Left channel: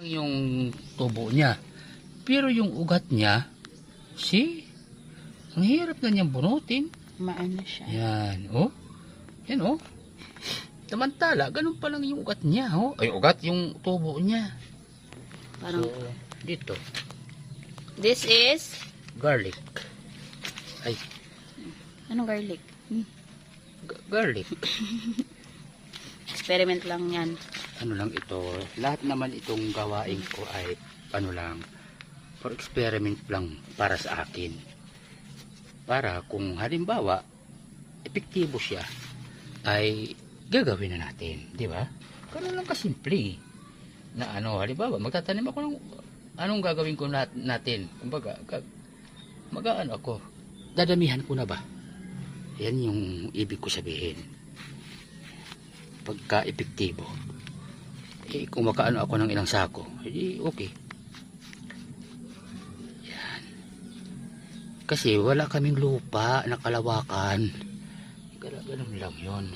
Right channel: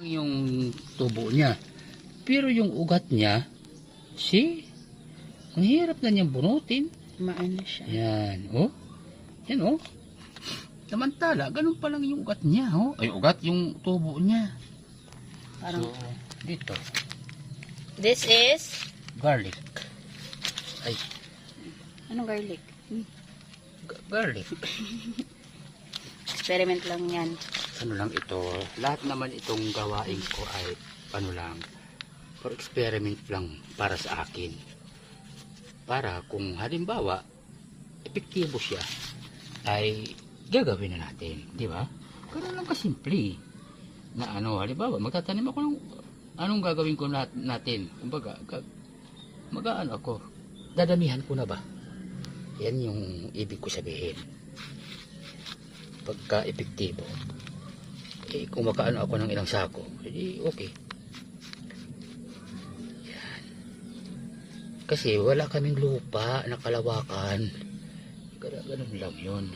Yung tubo niya. Pero yung ugat niya, see? Ang hirap na niyang bunutin. Maano siya. Yan, oh. Yan, oh. Samantala, ganun pa lang yung ugat niya, oh. Ay, ugat yung tubo niya. Parang, So, dito, this is, garlic. Ay, anong garlic? garlic. Experiment lang yan. Ano lang ito, lahat naman itong gawain ko ay, ano lang, for experiment lang para sa akin. Para kung halimbawa, epektibo siya, ay gagawin na natin, di ba? Ganun lang kasimple. Na ano, halimbawa, magtatanim ako ng anong gagawin ko natin. Kumbaga, mag-aano ako, dadamihan ko na ba? Yan yung ibig ko sabihin. Pagka-epektibo. Eh, kung makaano ako ng ilang sako, edi okay. Yan. Kasi wala kaming lupa na kalawakan. Ganun lang yun.